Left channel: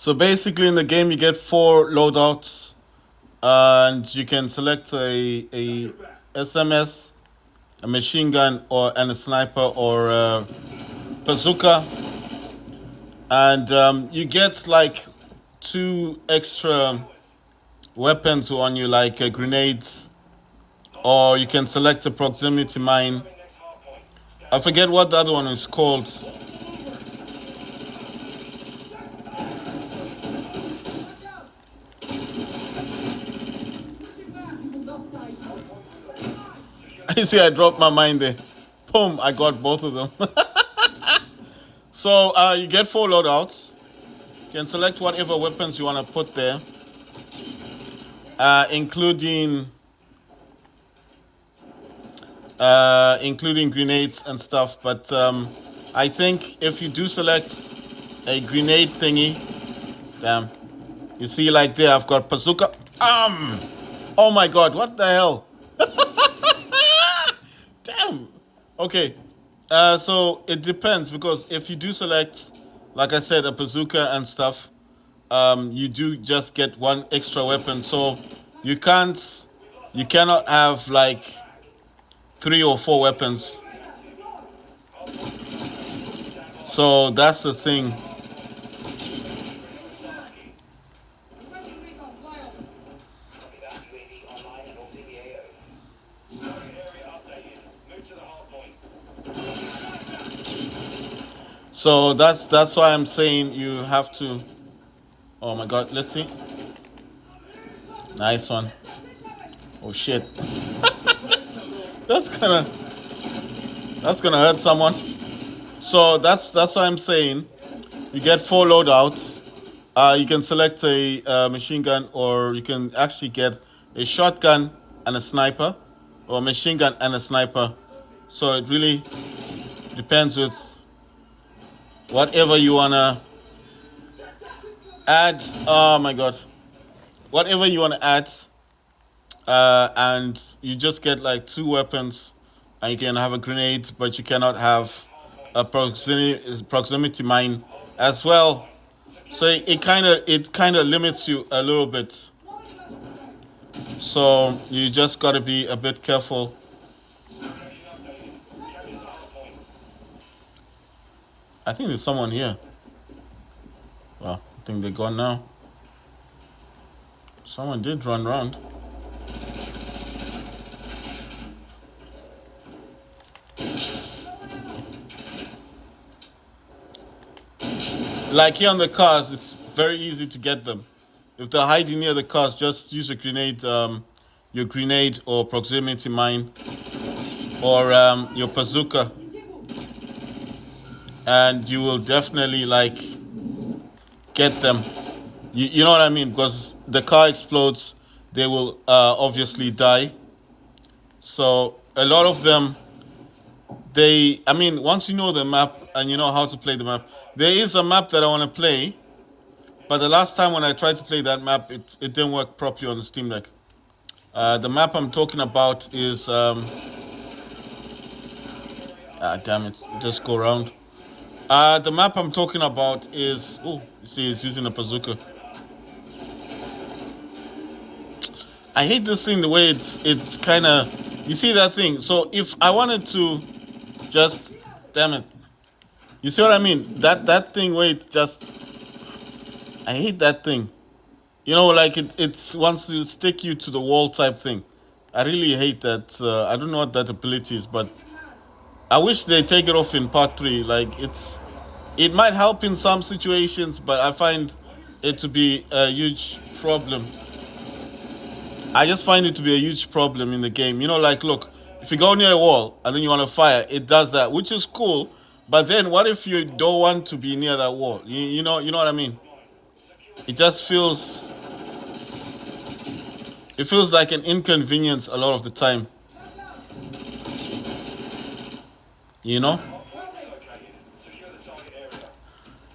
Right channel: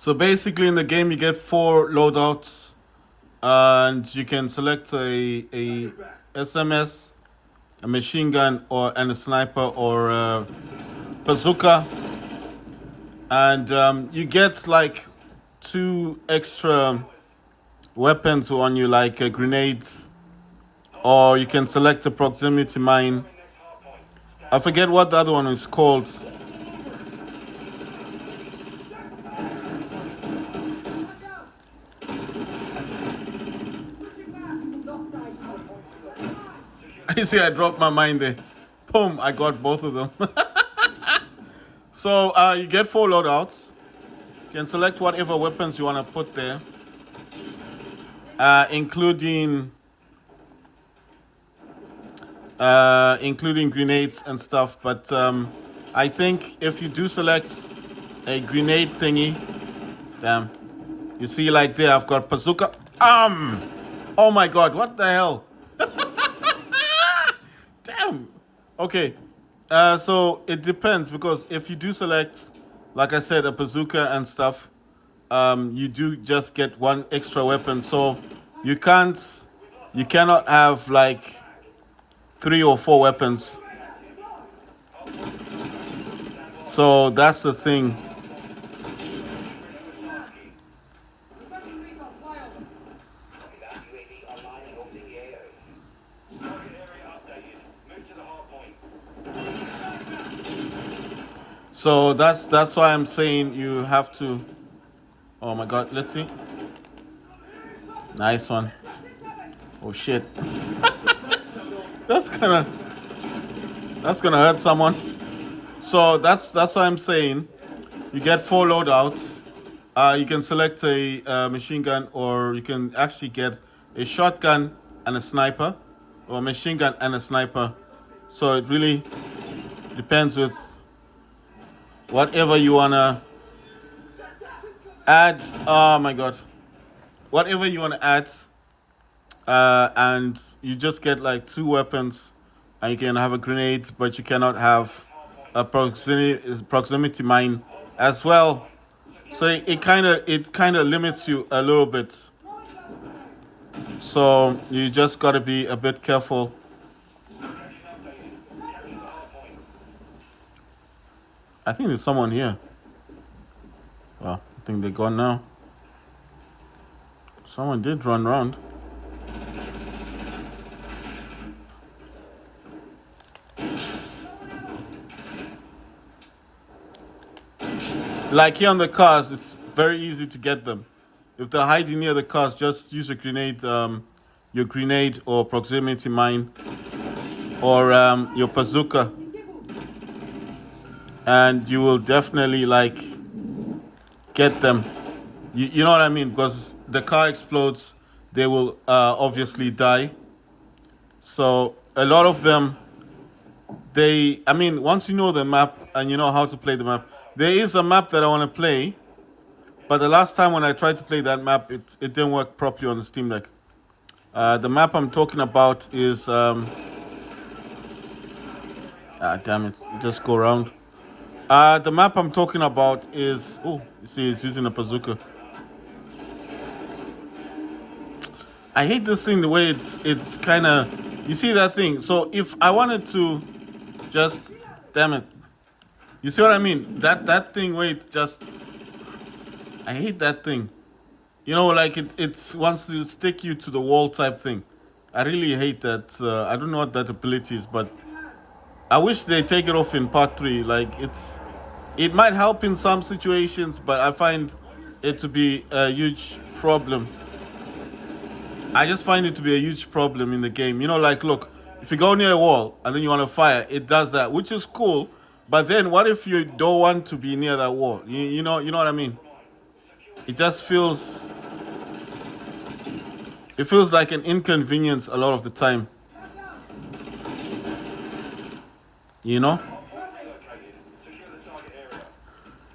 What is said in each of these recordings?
So basically, in the game, you get 4 loadouts, and you can select a SMS, a machine gun, and a sniper or a bazooka, and you get like 2 extra weapons on you, like a grenade, or you can select a proximity mine. I forget what the other one is called. You see, I dropped my mine there. Boom! I got both of them. So you get 4 loadouts. You can select whatever weapons you want to put there, including grenades and stuff. But I think if you do select a grenade thingy, damn, you see like there, I've got bazooka. Oh my god, what the hell? Damn. Okay. So it depends, because if you do select, like I said, a bazooka and stuff, you do just get 1 extra weapon. So you cannot have like 3 or 4 weapons. So that's the thing. So that's why I'm saying you have to. Oh my god, let's see. Nice one. Oh shit. That's gonna hurt someone. So that's why I'm saying you get 4 loadouts. You can select a machine gun, or you can actually get a shotgun and a sniper, or a machine gun and a sniper. So it really depends with whatever you wanna add. Oh my god, whatever you wanna add, and you just get like 2 weapons, and you can have a grenade, but you cannot have a proximity mine as well. So it kind of limits you a little bit. So you just got to be a bit careful. I think there's someone here. Well, I think they're gone now. Someone did run around. Like here on the cars, it's very easy to get them. If they're hiding near the cars, just use a grenade, your grenade or proximity mine, or your bazooka, and you will definitely like get them. You know what I mean? Because the car explodes, they will obviously die. So a lot of them, once you know the map and you know how to play the map, there is a map that I want to play, but the last time when I tried to play that map, it didn't work properly on the Steam Deck. The map I'm talking about is damn it, just go around. The map I'm talking about is, oh, you see, it's using a bazooka. I hate this thing, the way it's kind of, you see that thing. So if I wanted to just, damn it, you see what I mean? That thing where it just, I hate that thing. You know, like it's wants to stick you to the wall type thing. I really hate that. I don't know what that ability is, but I wish they take it off in part 3. Like it might help in some situations, but I find it to be a huge problem. I just find it to be a huge problem in the game. You know, like, look, if you go near a wall and then you want to fire, it does that, which is cool. But then what if you don't want to be near that wall? You know what I mean? It just feels like an inconvenience a lot of the time. You know?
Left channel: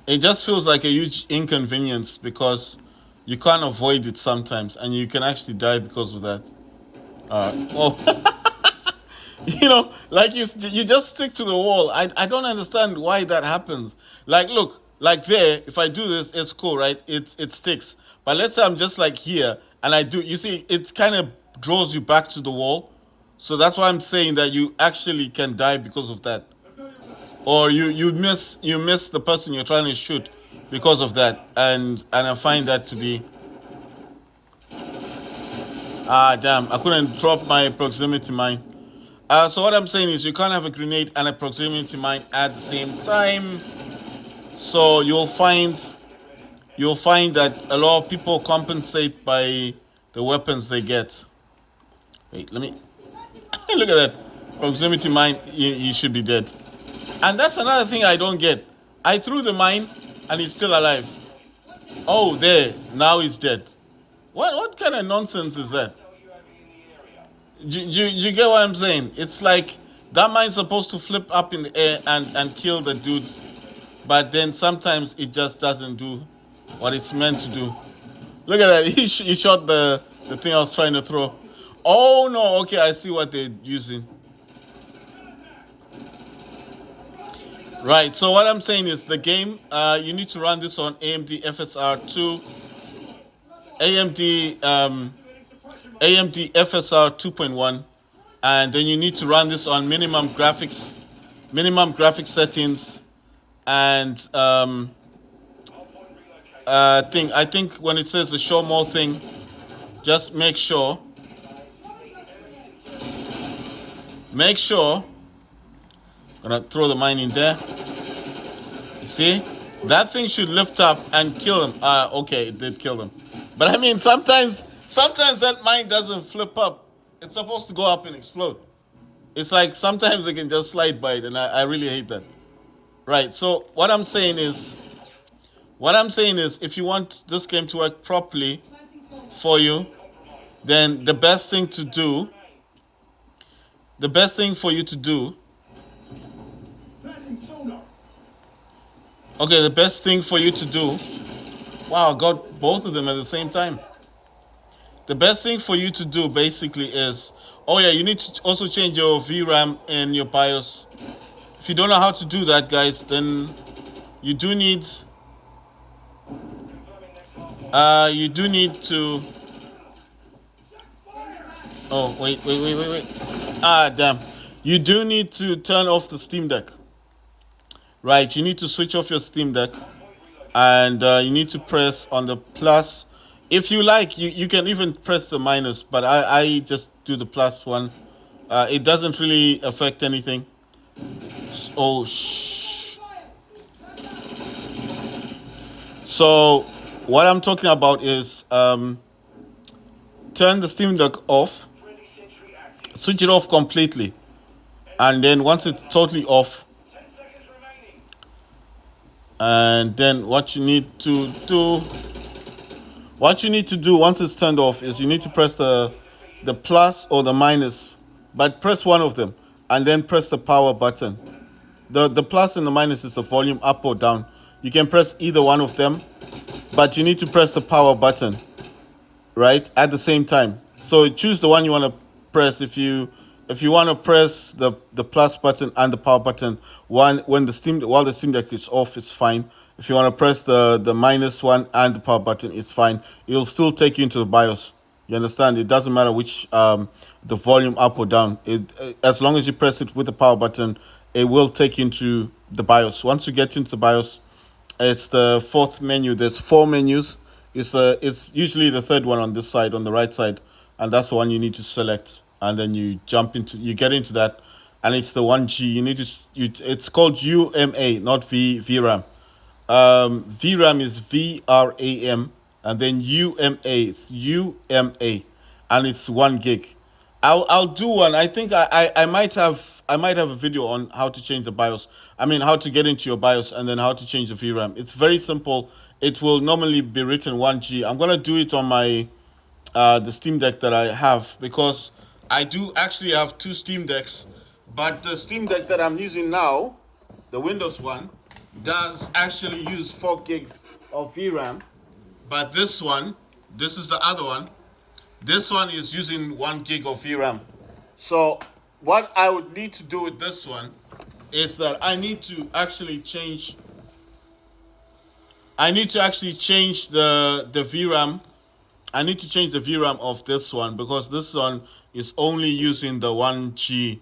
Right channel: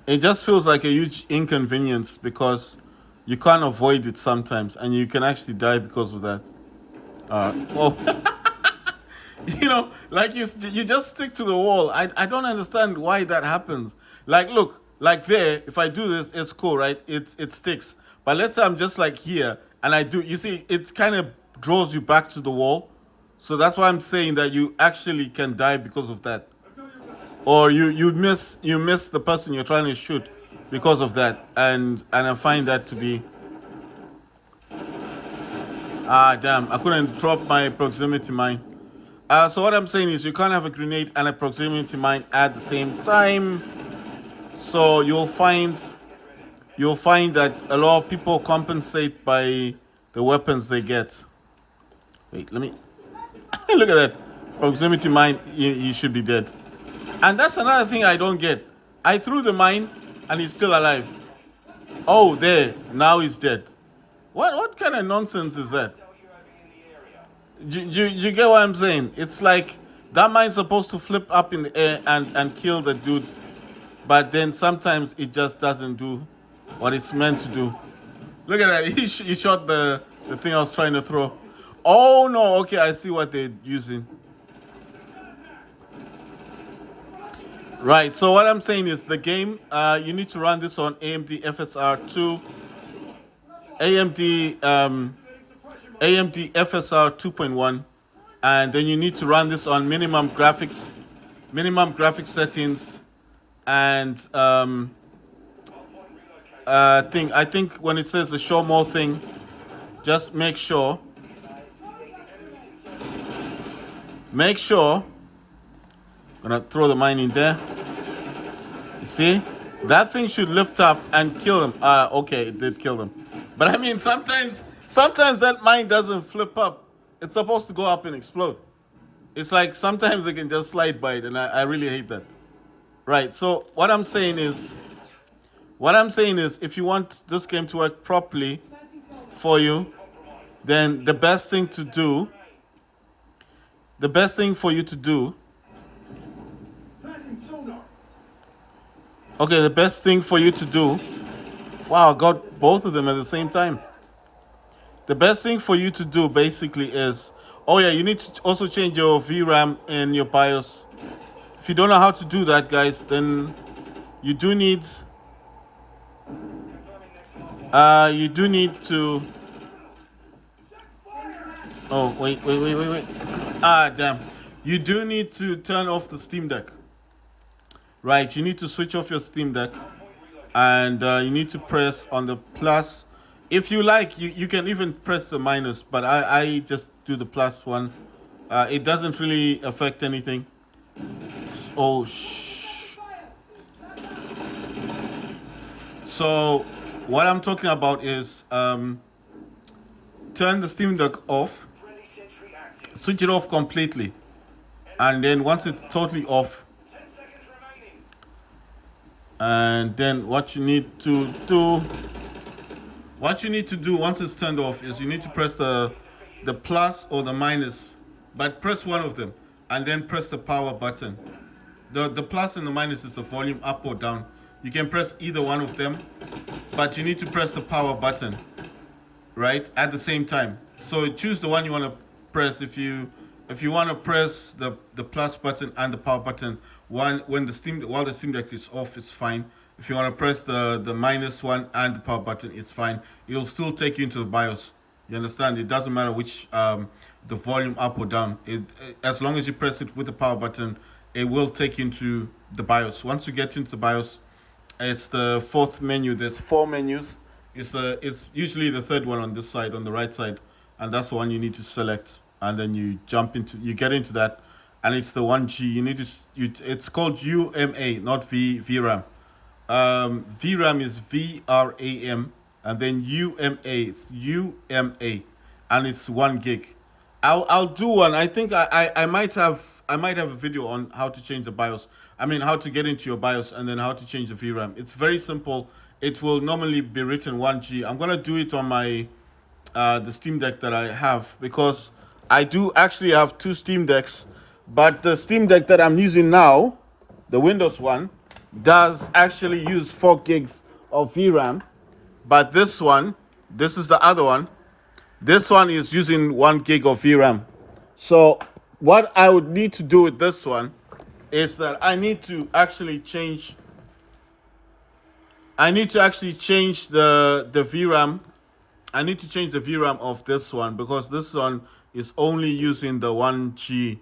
It just feels like a huge inconvenience because you can't avoid it sometimes, and you can actually die because of that. You know, like you just stick to the wall. I don't understand why that happens. Like, look, like there, if I do this, it's cool, right? It sticks. But let's say I'm just like here and I do, you see, it kind of draws you back to the wall. So that's why I'm saying that you actually can die because of that. Or you miss the person you're trying to shoot because of that. And I find that to be damn, I couldn't drop my proximity mine. So what I'm saying is you can't have a grenade and a proximity mine at the same time. So you'll find that a lot of people compensate by the weapons they get. Wait, let me look at that. Proximity mine, he should be dead. And that's another thing I don't get. I threw the mine and he's still alive. Oh, there. Now he's dead. What kind of nonsense is that? You get what I'm saying? It's like that mine's supposed to flip up in the air and kill the dudes, but then sometimes it just doesn't do what it's meant to do. Look at that. He shot the thing I was trying to throw. Oh no, okay, I see what they're using. Right, so what I'm saying is the game, you need to run this on AMD FSR 2, AMD FSR 2.1, and then you need to run this on minimum graphics settings, and I think when it says the show more thing, just make sure. Gonna throw the mine in there. You see, that thing should lift up and kill him. Okay, it did kill him, but I mean sometimes that mine doesn't flip up. It's supposed to go up and explode. It's like sometimes they can just slide by it, and I really hate that. Right. So what I'm saying is, if you want this game to work properly for you, then the best thing for you to do. Okay, the best thing for you to do. Wow, I got both of them at the same time. The best thing for you to do basically is, oh yeah, you need to also change your VRAM in your BIOS. If you don't know how to do that, guys, then you do need to. Oh wait. Damn. You do need to turn off the Steam Deck. Right, you need to switch off your Steam Deck, and you need to press on the plus. If you like, you can even press the minus, but I just do the plus one. It doesn't really affect anything. Oh, shh. So what I'm talking about is turn the Steam Deck off, switch it off completely, and then once it's totally off, and then what you need to do once it's turned off is you need to press the plus or the minus, but press one of them and then press the power button. The plus and the minus is the volume up or down. You can press either one of them, but you need to press the power button, right, at the same time. So choose the one you want to press. If you want to press the plus button and the power button while the Steam Deck is off, it's fine. If you want to press the minus one and the power button, it's fine. It'll still take you into the BIOS. You understand? It doesn't matter which the volume up or down. As long as you press it with the power button, it will take you into the BIOS. Once you get into the BIOS, it's the fourth menu. There's 4 menus. It's usually the third one on this side, on the right side, and that's the one you need to select. And then you get into that, and it's the 1G. It's called UMA, not VRAM. VRAM is VRAM, and then UMA, it's UMA, and it's 1 gig. I'll do one. I think I might have a video on how to change the BIOS. I mean, how to get into your BIOS and then how to change the VRAM. It's very simple. It will normally be written 1G. I'm gonna do it on my the Steam Deck that I have, because I do actually have 2 Steam Decks, but the Steam Deck that I'm using now, the Windows one, does actually use 4 gigs of VRAM, but this is the other one. This one is using 1 gig of VRAM. So what I would need to do with this one is that I need to actually change I need to actually change the VRAM. I need to change the VRAM of this one because this one is only using the 1G,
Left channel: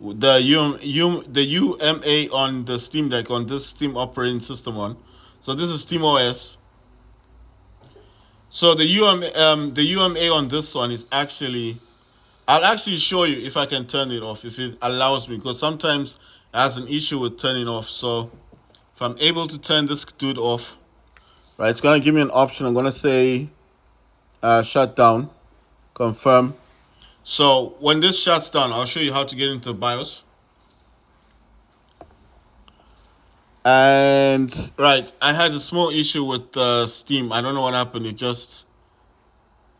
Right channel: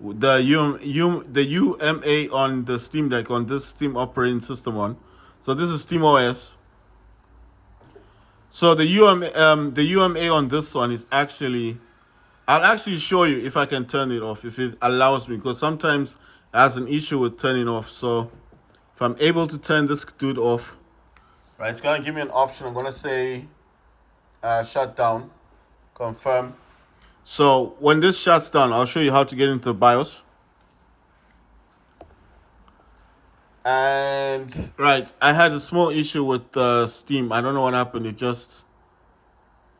the UMA on the Steam Deck on this Steam operating system one. So this is Steam OS. So the UMA on this one is actually, I'll actually show you if I can turn it off, if it allows me, because sometimes it has an issue with turning off. So if I'm able to turn this dude off, right, it's gonna give me an option. I'm gonna say shut down, confirm. So when this shuts down, I'll show you how to get into the BIOS. And right, I had a small issue with Steam. I don't know what happened. It just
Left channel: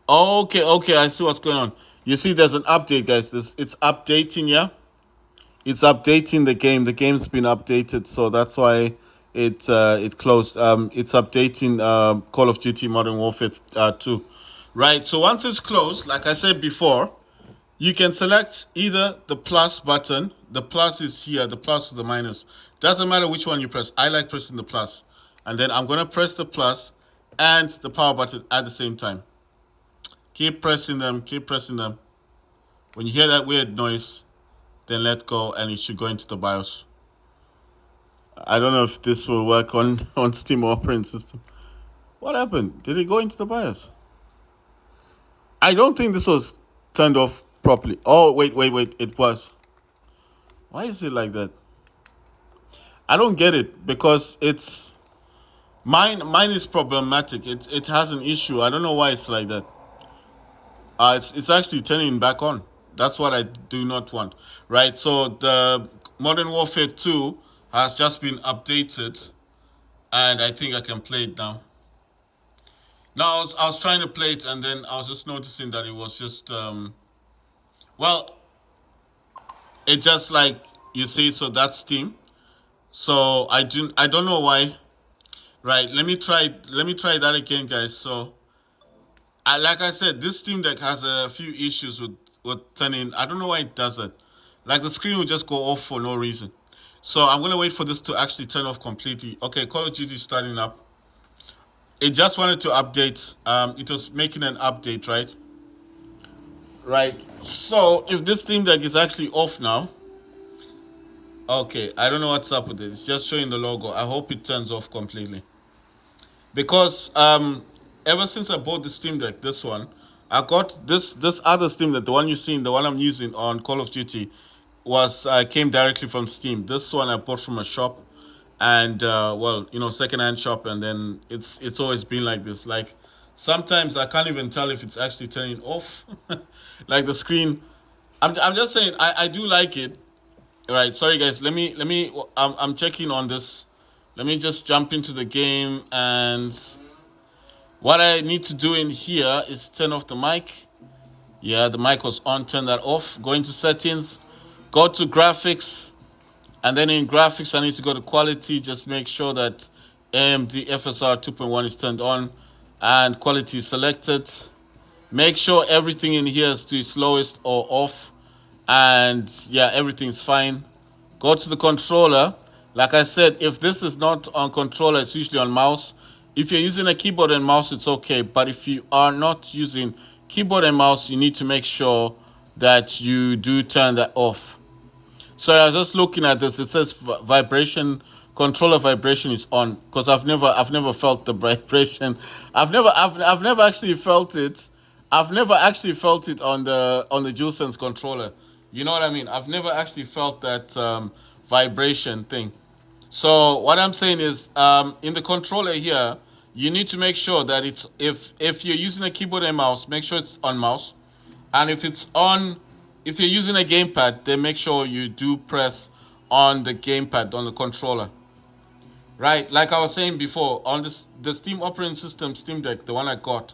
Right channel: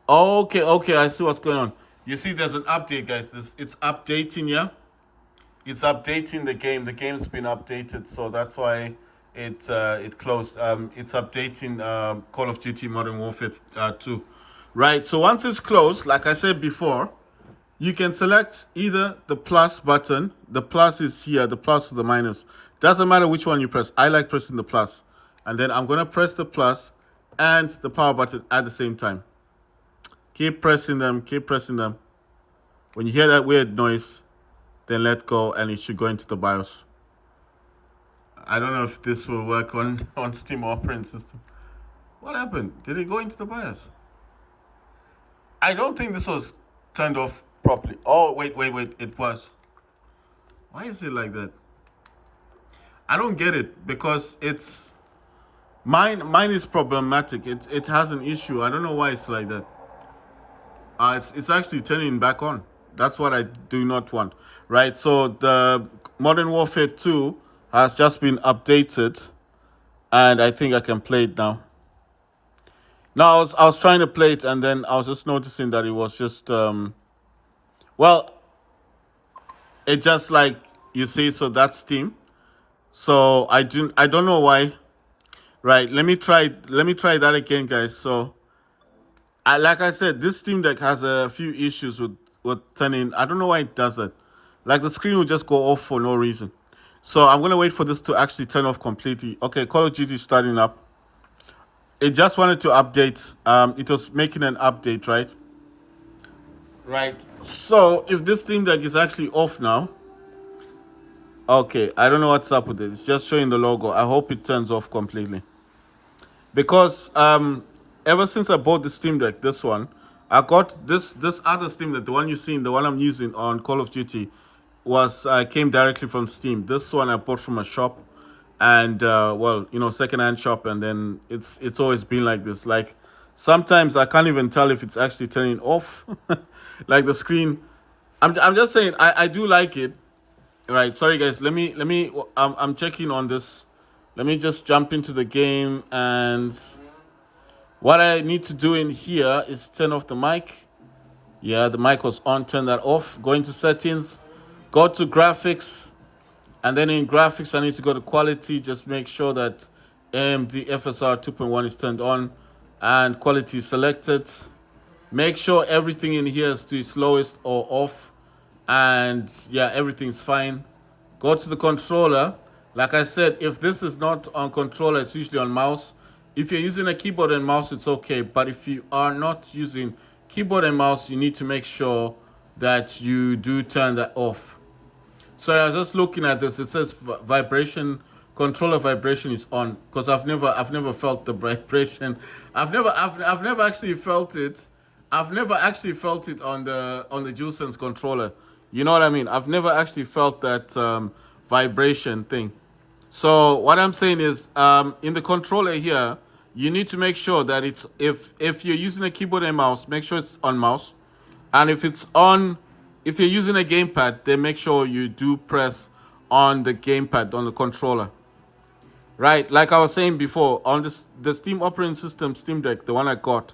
okay. I see what's going on. You see, there's an update, guys. It's updating. Yeah, it's updating the game. The game's been updated, so that's why it closed. It's updating Call of Duty Modern Warfare 2. Right. So once it's closed, like I said before, you can select either the plus button. The plus is here, the plus or the minus. Doesn't matter which one you press. I like pressing the plus. And then I'm going to press the plus and the power button at the same time. Keep pressing them, keep pressing them. When you hear that weird noise, then let go and it should go into the BIOS. I don't know if this will work on Steam operating system. What happened? Did it go into the BIOS? I don't think this was turned off properly. Oh, wait. It was. Why is it like that? I don't get it because it's mine is problematic. It has an issue. I don't know why it's like that. It's actually turning back on. That's what I do not want. Right? So the Modern Warfare 2 has just been updated and I think I can play it now. Now I was trying to play it and then I was just noticing that it was just well, it just like you see, so that's Steam. So I don't know why. Right, let me try that again, guys. So like I said, this Steam Deck has a few issues with turning. I don't know why it does that. Like the screen will just go off for no reason. So I'm gonna wait for this to actually turn off completely. Okay, Call of Duty is starting up. It just wanted to update. It was making an update, right? Right. So if this Steam Deck is actually off now, okay, I don't know what's up with it. It's just showing the logo. I hope it turns off completely. Because ever since I bought the Steam Deck, this one, I got this other Steam Deck, the one you've seen, the one I'm using on Call of Duty, was came directly from Steam. This one I bought from a shop, and well, you know, secondhand shop, and then it's always been like this. Like sometimes I can't even tell if it's actually turning off, like the screen. I'm just saying I do like it. Right, sorry guys. Let me. I'm checking on this. Let me just jump into the game, and what I need to do in here is turn off the mic. Yeah, the mic was on. Turn that off. Go into settings. Go to graphics, and then in graphics I need to go to quality. Just make sure that AMD FSR 2.1 is turned on and quality is selected. Make sure everything in here is to its lowest or off, and yeah, everything's fine. Go to the controller. Like I said, if this is not on controller, it's usually on mouse. If you're using a keyboard and mouse, it's okay. But if you are not using keyboard and mouse, you need to make sure that you do turn that off. So I was just looking at this. It says vibration, controller vibration is on, because I've never felt the vibration. I've never actually felt it. I've never actually felt it on the DualSense controller. You know what I mean? I've never actually felt that vibration thing. So what I'm saying is, in the controller here, you need to make sure that it's if you're using a keyboard and mouse, make sure it's on mouse, and if you're using a gamepad, then make sure you do press on the gamepad on the controller. Right, like I was saying before, on the Steam operating system Steam Deck, the one I got,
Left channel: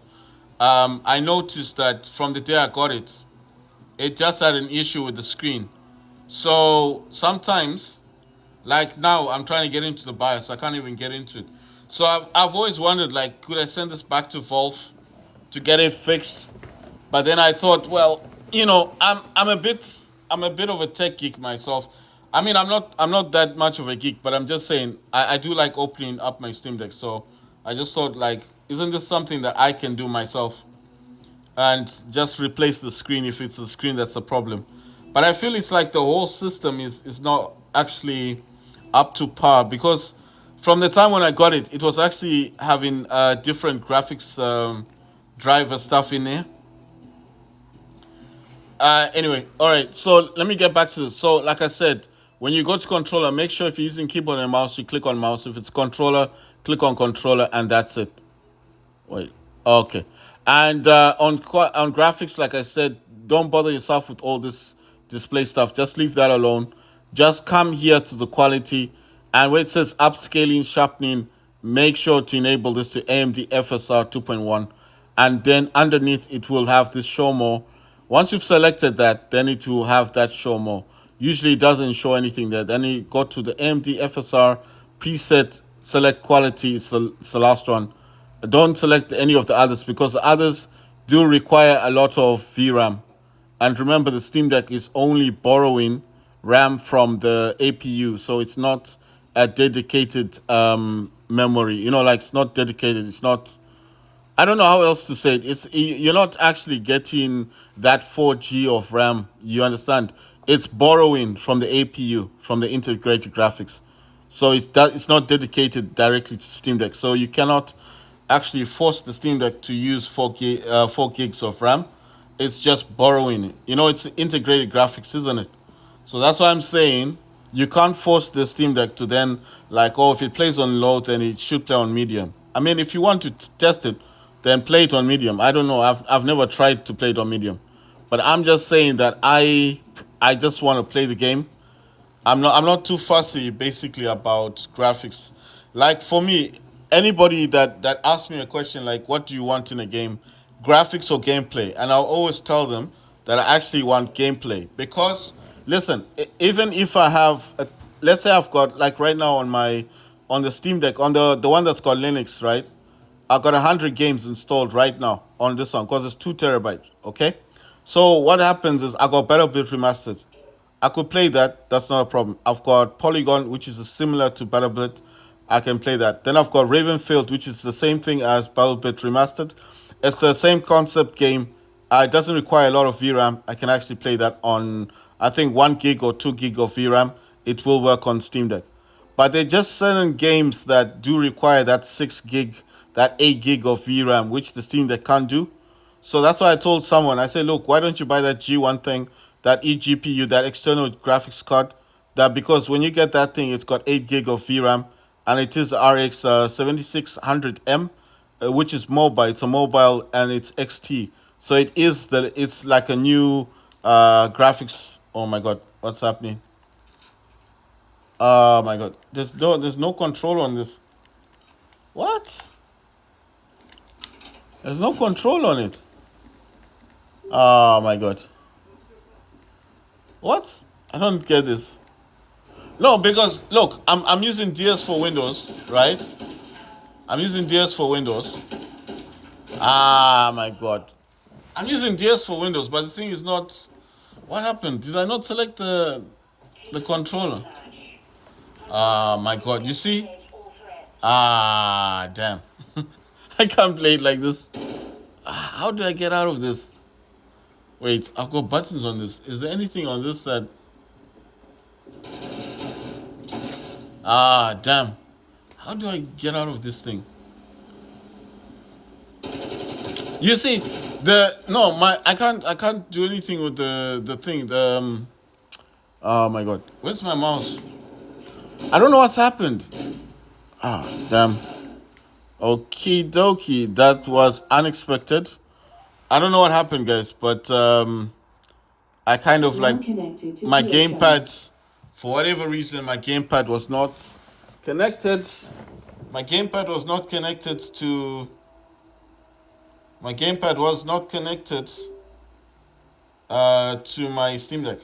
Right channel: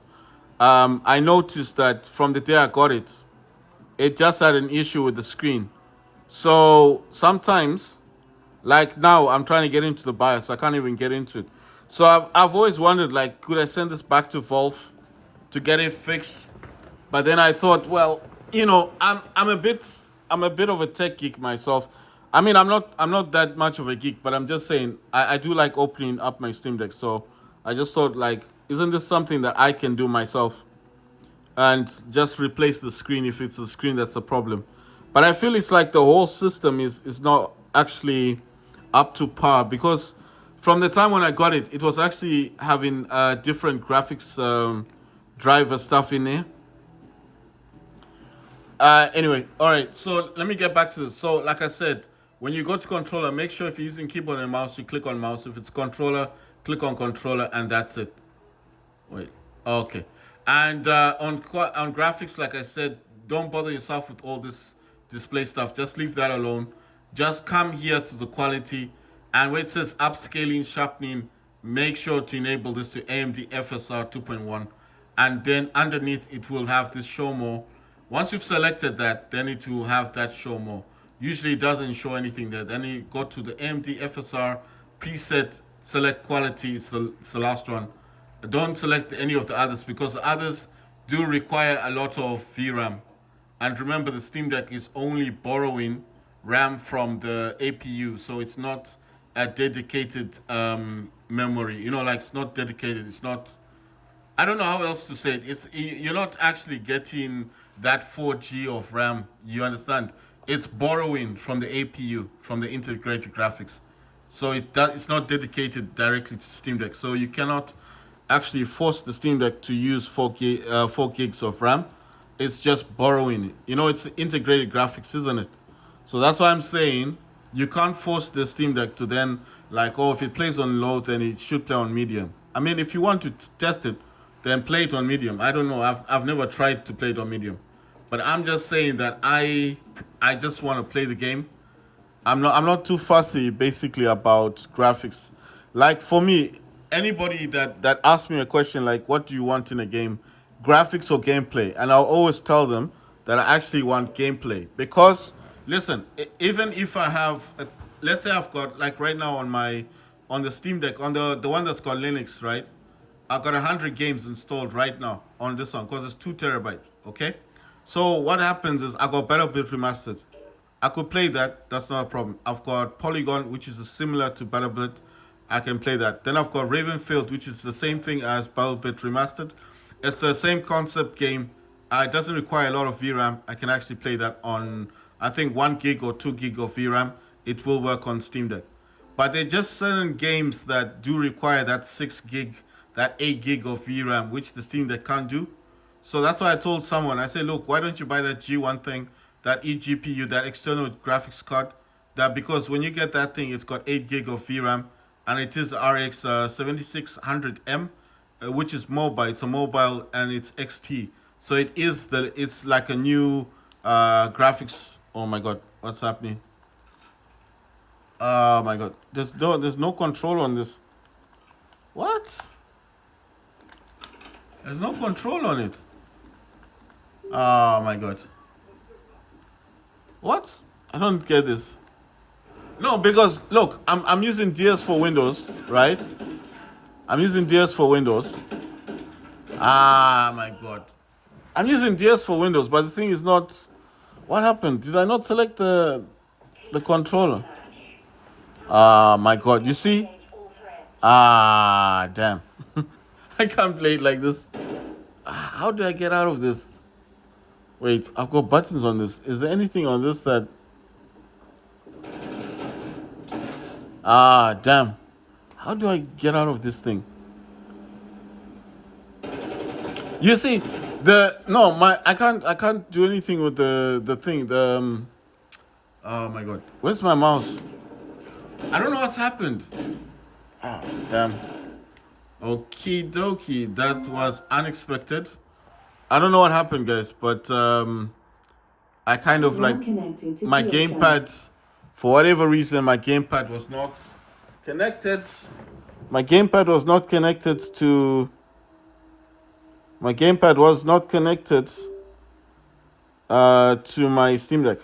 I noticed that from the day I got it, it just had an issue with the screen. So sometimes, like now, I'm trying to get into the BIOS. I can't even get into it. So I've always wondered, like, could I send this back to Valve to get it fixed? But then I thought, well, you know, I'm a bit of a tech geek myself. I mean, I'm not that much of a geek, but I'm just saying I do like opening up my Steam Deck. So I just thought, like, isn't this something that I can do myself and just replace the screen if it's the screen that's the problem? But I feel it's like the whole system is not actually up to par, because from the time when I got it, it was actually having different graphics driver stuff in there. Anyway, all right. So let me get back to this. So, like I said, when you go to controller, make sure if you're using keyboard and mouse, you click on mouse. If it's controller, click on controller, and that's it. Wait. Okay. And on graphics, like I said, don't bother yourself with all this display stuff. Just leave that alone. Just come here to the quality, and where it says upscaling, sharpening, make sure to enable this to AMD FSR 2.1, and then underneath it will have this show more. Once you've selected that, then it will have that show more. Usually it doesn't show anything there. Then you go to the AMD FSR preset, select quality, it's the last one. Don't select any of the others, because the others do require a lot of VRAM. And remember, the Steam Deck is only borrowing RAM from the APU, so it's not a dedicated memory. Like, it's not dedicated. It's not. I don't know how else to say it. You're not actually getting that 4G of RAM. You understand? It's borrowing from the APU, from the integrated graphics. So it's not dedicated directly to Steam Deck. So you cannot actually force the Steam Deck to use 4 gigs of RAM. It's just borrowing it. It's integrated graphics, isn't it? So that's why I'm saying you can't force the Steam Deck to then, like, oh, if it plays on low, then it should play on medium. I mean, if you want to test it, then play it on medium. I don't know. I've never tried to play it on medium, but I'm just saying that I just want to play the game. I'm not too fussy basically about graphics. Like, for me, anybody that asks me a question like, what do you want in a game, graphics or gameplay? And I'll always tell them that I actually want gameplay, because listen, even if I have let's say I've got, like, right now on the Steam Deck, on the one that's called Linux, right? I've got 100 games installed right now on this one because it's 2 terabytes. Okay, so what happens is I got Battlefield Remastered. I could play that. That's not a problem. I've got Polygon, which is similar to Battlefield. I can play that. Then I've got Ravenfield, which is the same thing as Battlefield Remastered. It's the same concept game. It doesn't require a lot of VRAM. I can actually play that on, I think, 1 gig or 2 gig of VRAM. It will work on Steam Deck. But there are just certain games that do require that 6 gig, that 8 gig of VRAM, which the Steam Deck can't do. So that's why I told someone, I said, look, why don't you buy that G1 thing, that eGPU, that external graphics card? That, because when you get that thing, it's got 8 gig of VRAM, and it is RX 7600M, which is mobile. It's a mobile, and it's XT. So it's like a new graphics. Oh my God, what's happening? Oh my God, there's no control on this. What? There's no control on it. Oh my God. What? I don't get this. No, because look, I'm using DS for Windows, right? I'm using DS for Windows. Ah my God. I'm using DS for Windows, but the thing is not. What happened? Did I not select the controller? Ah my God. You see? Ah damn. I can't play it like this. How do I get out of this? Wait, I've got buttons on this. Is there anything on this that? Ah damn. How do I get out of this thing? You see, the no, my I can't do anything with the thing. Oh my God, where's my mouse? I don't know what's happened. Ah damn. Okie dokie, that was unexpected. I don't know what happened, guys, but I kind of, like, my gamepad, for whatever reason, my gamepad was not connected. My gamepad was not connected to. My gamepad was not connected to my Steam Deck,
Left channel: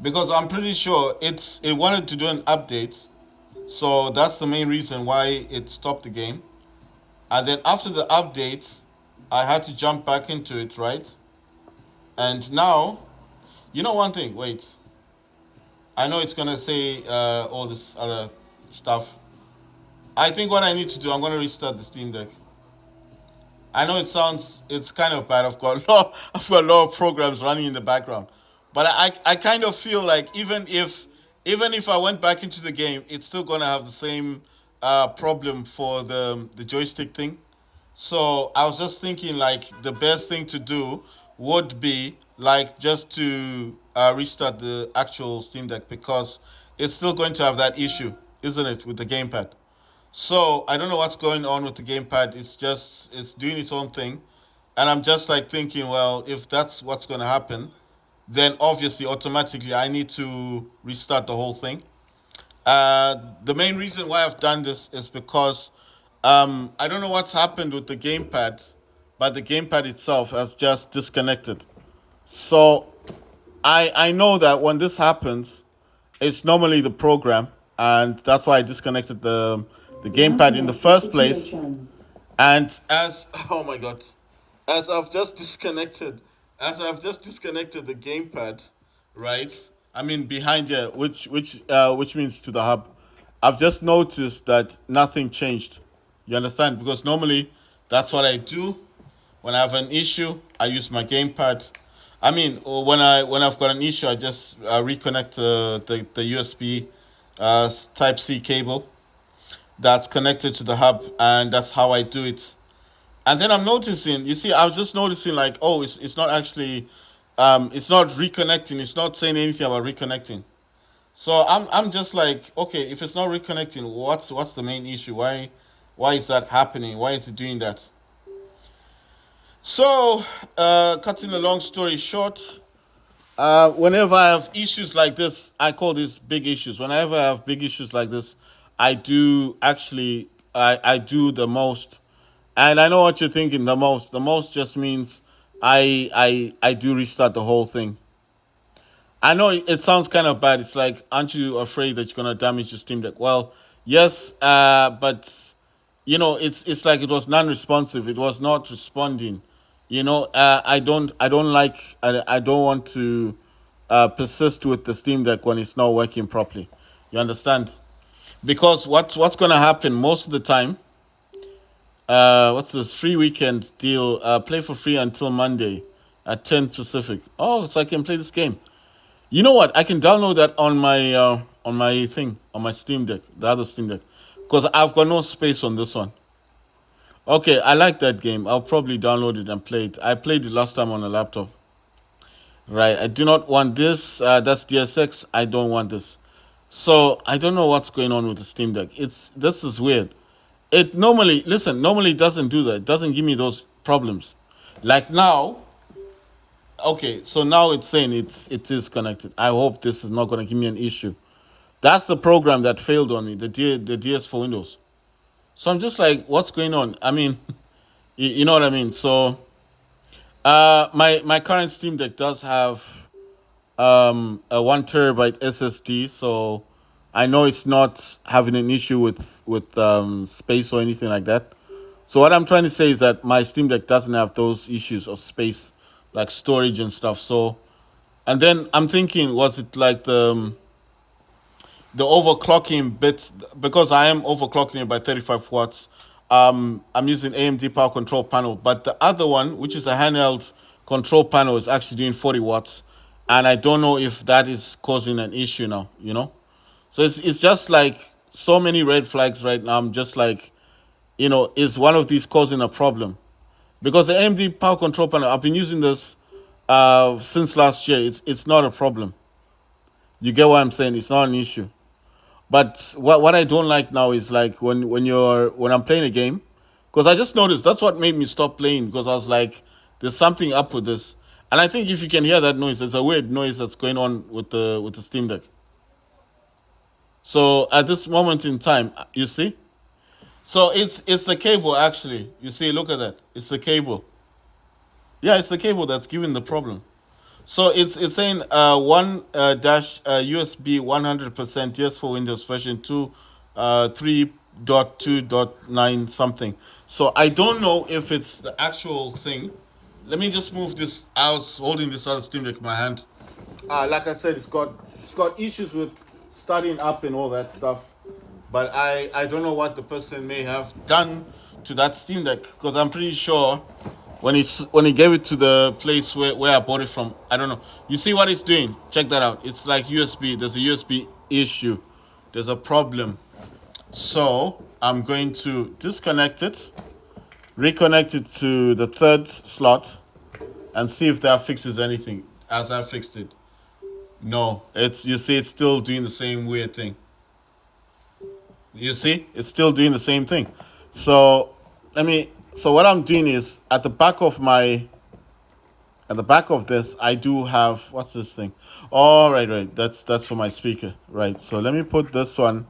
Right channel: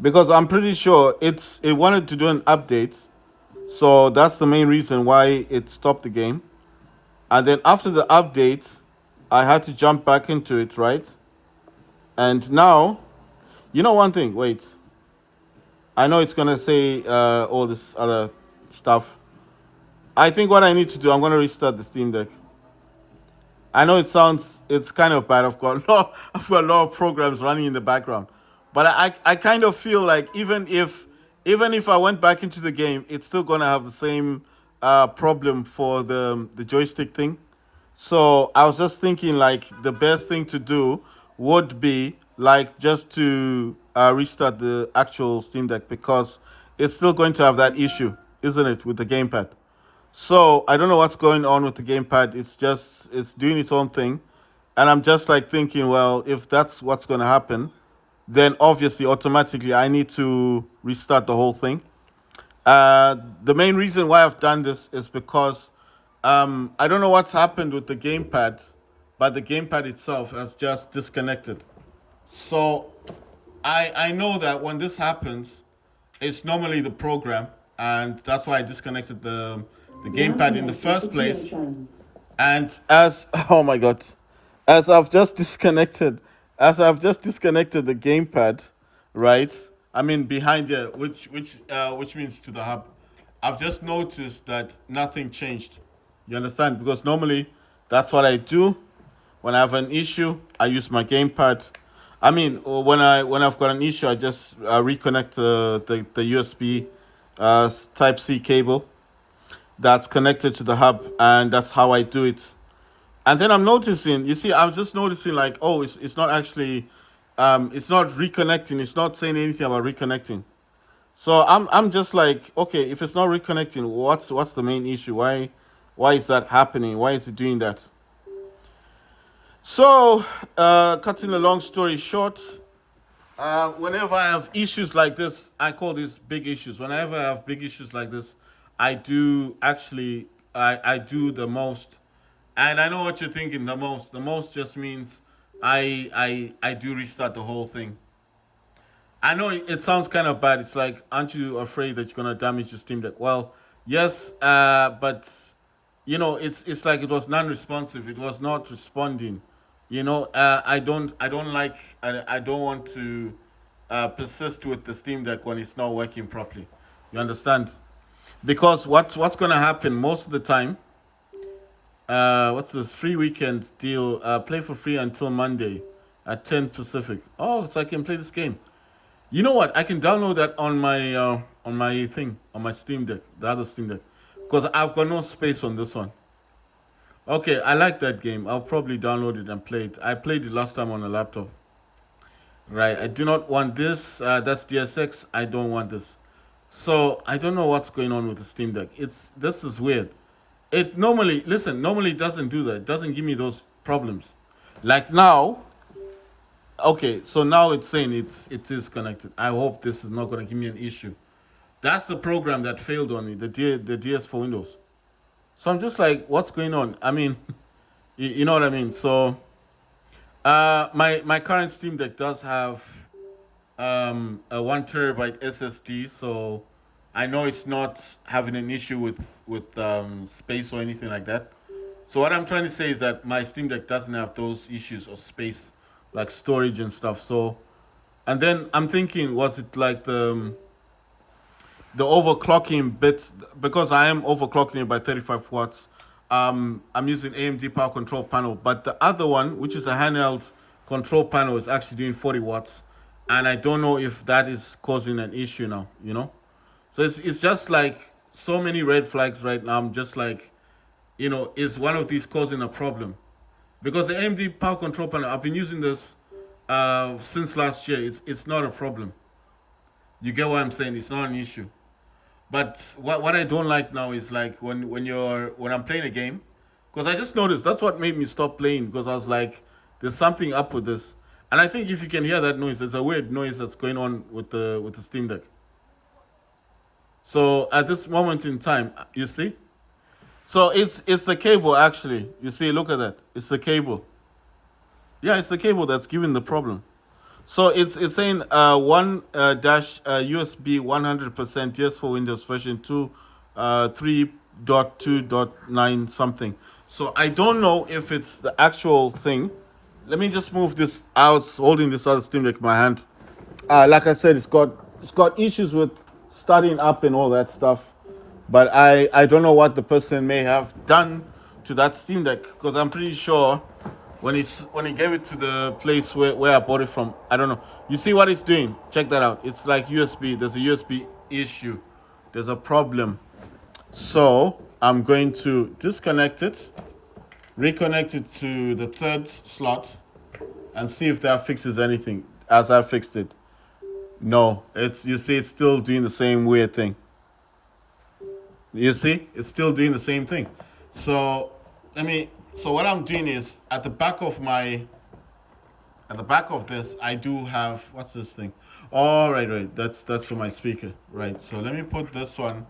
because I'm pretty sure it wanted to do an update, so that's the main reason why it stopped the game. And then after the update, I had to jump back into it, right? And now, one thing. Wait, I know it's gonna say all this other stuff. I think what I need to do, I'm gonna restart the Steam Deck. I know it's kind of bad. I've got a lot of programs running in the background, but I kind of feel like even if I went back into the game, it's still gonna have the same problem for the joystick thing. So I was just thinking like the best thing to do would be like just to restart the actual Steam Deck because it's still going to have that issue, isn't it, with the gamepad? So I don't know what's going on with the gamepad. It's doing its own thing, and I'm just like thinking, well, if that's what's going to happen, then obviously automatically I need to restart the whole thing. The main reason why I've done this is because I don't know what's happened with the gamepad, but the gamepad itself has just disconnected. So I know that when this happens, it's normally the program, and that's why I disconnected the gamepad in the first place. And as oh my god, as I've just disconnected, the gamepad, right? I mean behind here, which means to the hub. I've just noticed that nothing changed. You understand? Because normally that's what I do when I have an issue. I use my gamepad. I mean, when I've got an issue, I just reconnect the USB Type C cable that's connected to the hub, and that's how I do it. And then I'm noticing, you see, I was just noticing like, oh, it's not actually, it's not reconnecting. It's not saying anything about reconnecting. So I'm just like, okay, if it's not reconnecting, what's the main issue? Why is that happening? Why is it doing that? So, cutting a long story short, whenever I have issues like this, I call these big issues. Whenever I have big issues like this, I do actually, I do the most. And I know what you're thinking, the most. The most just means I do restart the whole thing. I know it sounds kind of bad. It's like, aren't you afraid that you're gonna damage your Steam Deck? Well, yes, but it's like it was non-responsive. It was not responding. I don't want to persist with the Steam Deck when it's not working properly. You understand? Because what's gonna happen most of the time? What's this free weekend deal? Play for free until Monday at 10 Pacific. Oh, so I can play this game. You know what? I can download that on my thing on my Steam Deck, the other Steam Deck, because I've got no space on this one. Okay, I like that game. I'll probably download it and play it. I played it last time on a laptop. Right. I do not want this. That's DSX. I don't want this. So I don't know what's going on with the Steam Deck. This is weird. It normally it doesn't do that. It doesn't give me those problems. Like now, okay, so now it's saying it is connected. I hope this is not gonna give me an issue. That's the program that failed on me, the DS for Windows. So I'm just like, what's going on? I mean, you know what I mean. So my current Steam Deck does have a 1 terabyte SSD, so I know it's not having an issue with space or anything like that. So what I'm trying to say is that my Steam Deck doesn't have those issues of space, like storage and stuff. So, and then I'm thinking, was it like the overclocking bits? Because I am overclocking it by 35 watts. I'm using AMD power control panel, but the other one, which is a handheld control panel, is actually doing 40 watts, and I don't know if that is causing an issue now. So it's just like so many red flags right now. I'm just like, is one of these causing a problem? Because the AMD power control panel, I've been using this since last year. It's not a problem. You get what I'm saying? It's not an issue. But what I don't like now is like when I'm playing a game, because I just noticed that's what made me stop playing, because I was like, there's something up with this. And I think if you can hear that noise, there's a weird noise that's going on with the Steam Deck. So at this moment in time, you see? So it's the cable actually. You see, look at that. It's the cable. Yeah, it's the cable that's giving the problem. So it's saying one dash USB 100% yes for Windows version 2 3.2.9 something. So I don't know if it's the actual thing. Let me just move this. I was holding this other Steam Deck in my hand. Like I said, it's got issues with starting up and all that stuff. But I don't know what the person may have done to that Steam Deck, because I'm pretty sure when he gave it to the place where I bought it from, I don't know. You see what it's doing? Check that out. It's like USB. There's a USB issue. There's a problem. So I'm going to disconnect it, reconnect it to the third slot, and see if that fixes anything. As I fixed it, no, you see it's still doing the same weird thing. You see, it's still doing the same thing. So So what I'm doing is at the back of this, I do have, what's this thing? Oh, right. That's for my speaker, right? So let me put this one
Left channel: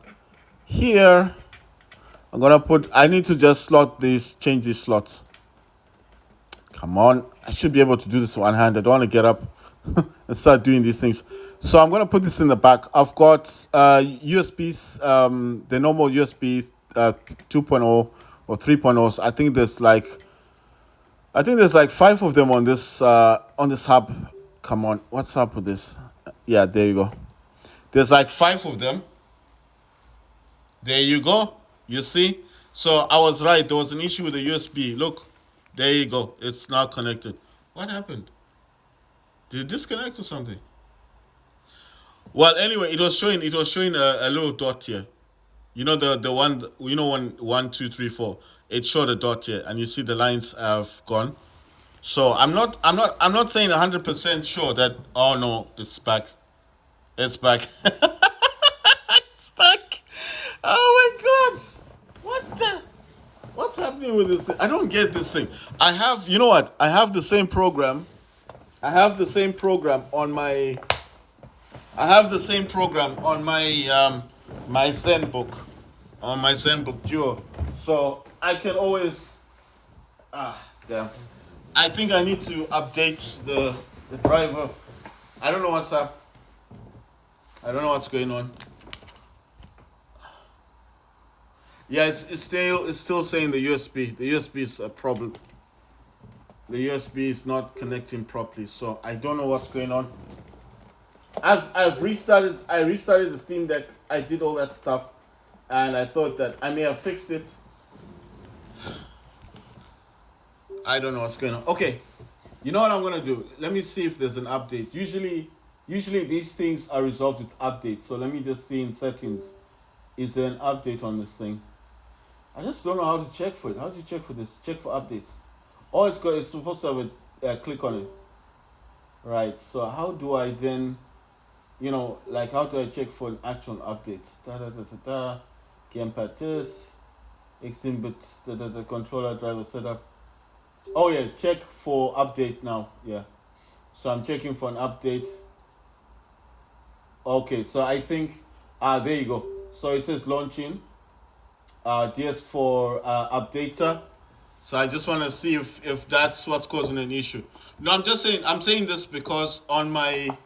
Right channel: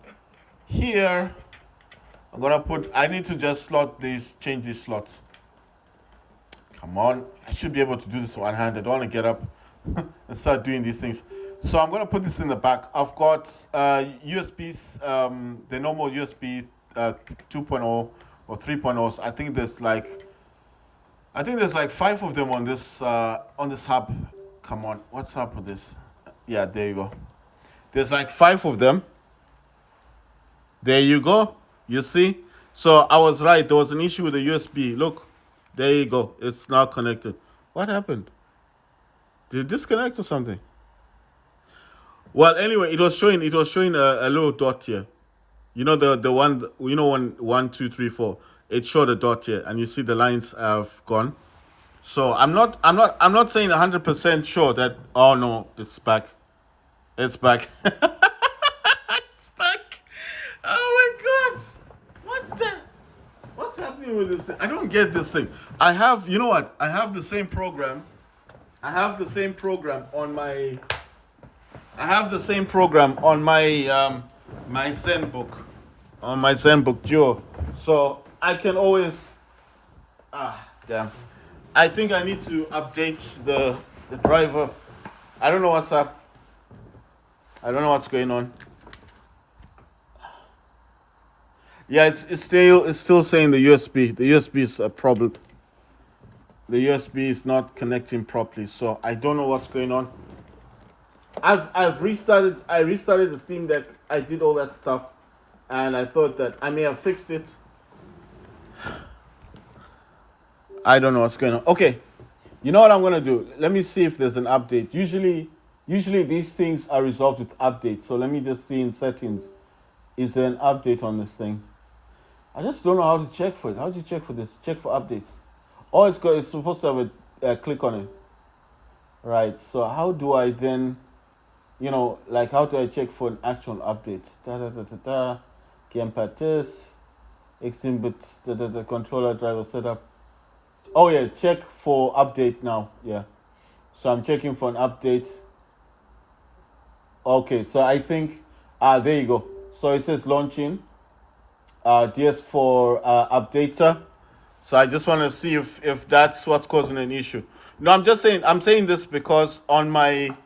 here. I need to just change these slots. Come on, I should be able to do this one hand. I don't want to get up and start doing these things. So I'm gonna put this in the back. I've got USBs, the normal USB 2.0 or 3.0s. I think there's like 5 of them on this hub. Come on, what's up with this? Yeah, there you go. There's like 5 of them. There you go. You see? So I was right. There was an issue with the USB. Look, there you go. It's now connected. What happened? Did it disconnect or something? Well, anyway, it was showing a little dot here. You know the one, 1, 2, 3, 4. It showed a dot here, and you see the lines have gone. So I'm not saying 100% sure that. Oh no, it's back. It's back. It's back. Oh my God! What's happening with this thing? I don't get this thing. I have, you know what? I have the same program. I have the same program on my. My ZenBook, on my ZenBook Duo. So I can always. Damn. I think I need to update the driver. I don't know what's up. I don't know what's going on. Yeah, it's still saying the USB. The USB is a problem. The USB is not connecting properly, so I don't know what's going on. I've restarted. I restarted the Steam Deck. I did all that stuff, and I thought that I may have fixed it. I don't know what's going on. Okay, you know what I'm gonna do? Let me see if there's an update. Usually these things are resolved with updates. So let me just see in settings. Is there an update on this thing? I just don't know how to check for it. How do you check for this? Check for updates. Oh, it's supposed to have a click on it. Right. So how do I then, how do I check for an actual update? Gamepad this, Xinbit, the controller driver setup. Oh yeah, check for update now. Yeah. So I'm checking for an update. Okay, so I think, there you go. So it says launching, DS4 updater. So I just want to see if that's what's causing an issue. No, I'm saying this because on my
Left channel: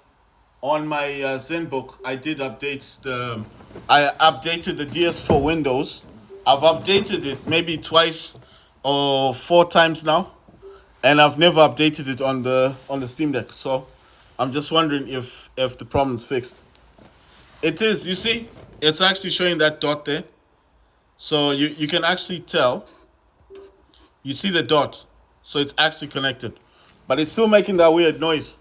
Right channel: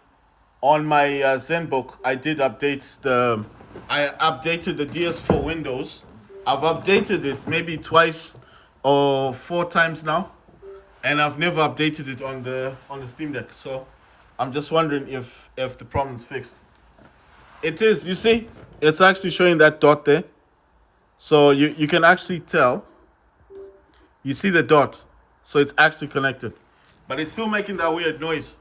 ZenBook, I updated the DS4 Windows. I've updated it maybe twice or 4 times now, and I've never updated it on the Steam Deck. So I'm just wondering if the problem's fixed. It is, you see, it's actually showing that dot there. So you can actually tell. You see the dot, so it's actually connected, but it's still making that weird noise.